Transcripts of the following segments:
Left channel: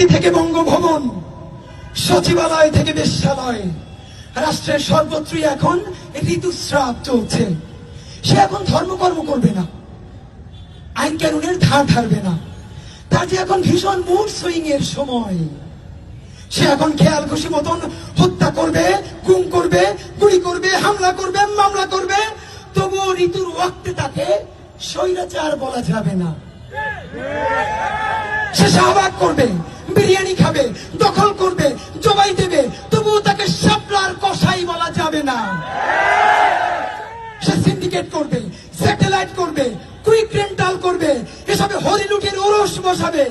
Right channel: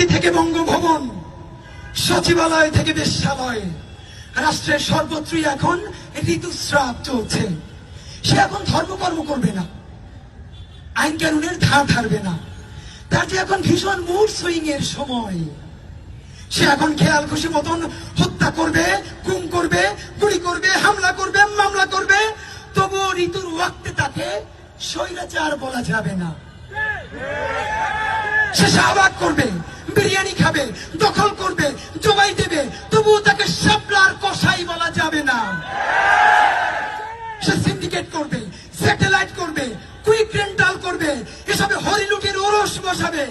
প্রধানমন্ত্রী থেকে বঙ্গভবন, সচিবালয় থেকে বেশ্যালয়। রাষ্ট্রের সর্বত্রই এখন ঋতুস্রাব চলছে। সে এখন ধর্মকর্ম করবে না। আইন কানুনের ধার ধারবে না। তার যে এখন ভীষণ মুড সুইং এর সময়। সে এখন খেয়াল খুশি মতন হত্যা করবে, গুম করবে, গুলি করবে, হামলা করবে, মামলা করবে। তবুও ঋতুর ওয়াক্তে তাকে স্বৈরাচার বলা যাবে না। সে শাহবাগ করবে, বিরিয়ানি খাবে, দখল করবে, জবাই দেবে, তবুও তাকে সাপলার কষাই বলা যাবে না। সে সিন্ডিকেট করবে স্যাটেলাইট করবে, কুইক রেন্টাল করবে, এসবে হরিলুটের ওরস বসাবে।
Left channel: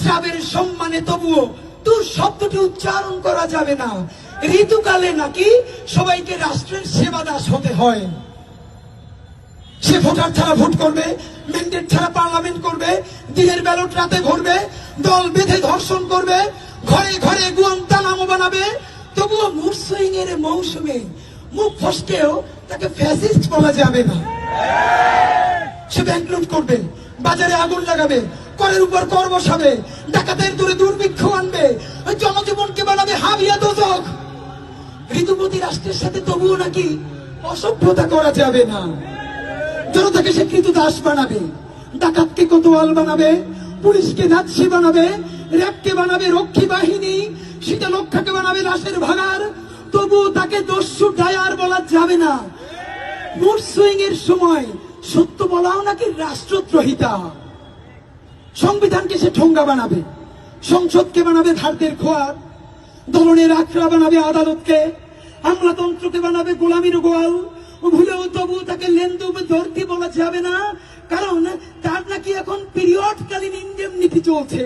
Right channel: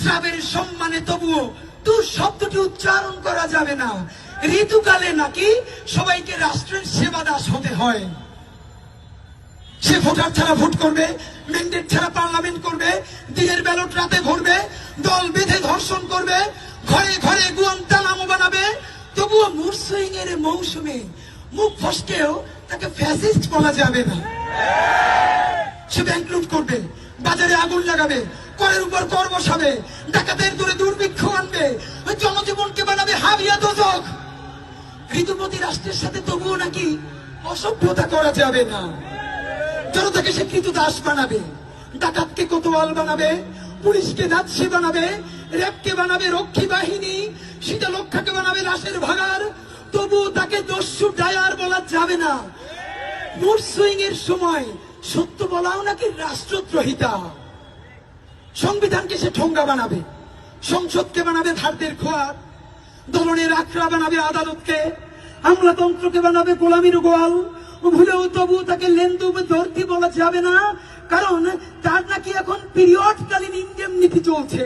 শ্রাবের সম্মানে তবুও তোর শব্দটি উচ্চারণ করা যাবে না। ঋতুকালে নাকি সবাইকে রাষ্ট্রের সেবা দাস হতে হয়। সে ভোটার ছাড়া ভোট করবে, ম্যান্ডেট ছাড়া পার্লামেন্ট করবে, দিনের ব্যালট রাতে ভরবে দল বেঁধে ধর্ষণ করবে, ঘরে ঘরে গুয়ান্তানামো বানাবে। তবুও মুড সুইং এর মৌসুমে মুখ ফসকেও তাকে ফ্যাসিস্ট বলা যাবে না। সে ব্যাংক লুট করবে, বাজারে আগুন লাগাবে করের উপর কর বসাবে, ডাকাতের দূরে দুর্ভিক্ষ আনবে, ওই জনজীবনকে বানাবে হাবিয়া দোজক। ঋতুপতি রাষ্ট্রের সাথে তবুও নাকি অসভ্যতা করা যাবে না। জনতাকে সে কৃত দাস বানাবে। ডাকাতকে কোতোয়াল বানাবে, পুলিশকে নাৎসি বানাবে, র্যাবকে বানাবে রক্ষী বাহিনী, শীতলক্ষাকে বানাবে লাশের ভাগার। তবু তাকে দস্যু ডায়ার বলা যাবে না। মুড সুইং এর সময় সত্য বলাও নাকি রাষ্ট্রদ্রোহিতা? সংবিধানকে সে ঠোঙ্গা বানাবে, সংসদকে বানাবে ভারতের খোয়ার। দলনের আখড়া বানাবে আদালতকে, আমলাতন্ত্রকে বানাবে গোলামির গোয়াল ভুলেও তবু তাকে লেন্দু ধরতে বলা যাবে না। কারণ তার নাকি এখন পিরিয়ড কালীন ইন্ডেমনিটি চলছে।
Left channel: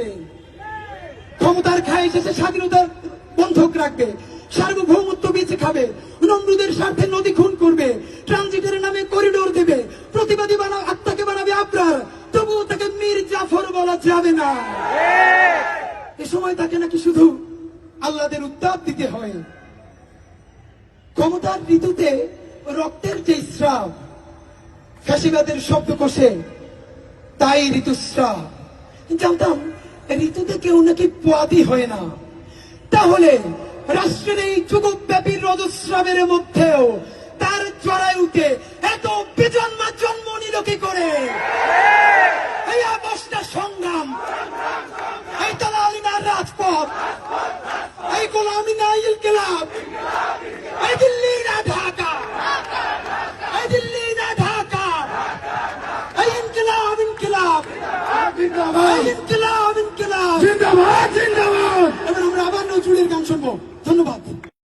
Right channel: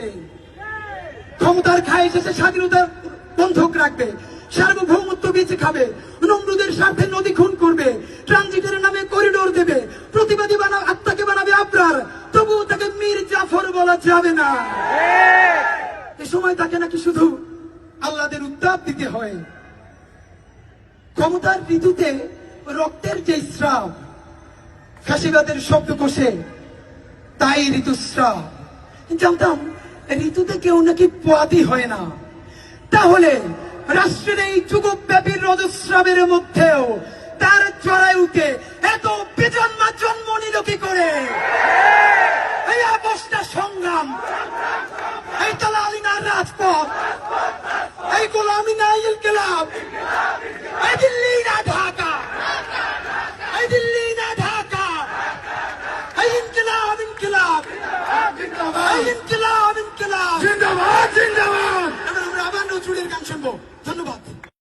ক্ষমতার খায় শেষে স্বাধীনতা বন্ধক রাখবে, সার্বভৌমত্ব বেঁচে খাবে, নমরুদের স্বার্থে নদী খুন করবে, ট্রানজিটের নামে করিডোর দেবে, প্রতিবাদী বানা আত্মাকে বানাবে আবরার, তবুও তাকে মীর জাফর বলা যাবে না। এ সময় তাকে নাকি শুধু আল্লাদের উত্তাপ দিতে হয়। ক্ষমতার ঋতুতে রক্তের যে স্রাব ফ্যাসিবাদের শব্দ কষে তাই ঋতুস্রাব। জানতাম, ঋতুতে কেউ নাকি পোয়াতি হয় না। তাহলে রাষ্ট্রের এই যুগব্যাপী রজস্রাবের মধ্যেও তার জরায়ুতে এত বেজন্মা জন্ম নিল কি করে? এই অবস্থা সংগ্রাম। এই তালালিনার রাজপথ। এই গোলামি না ইনকিলাব এই দিল্লি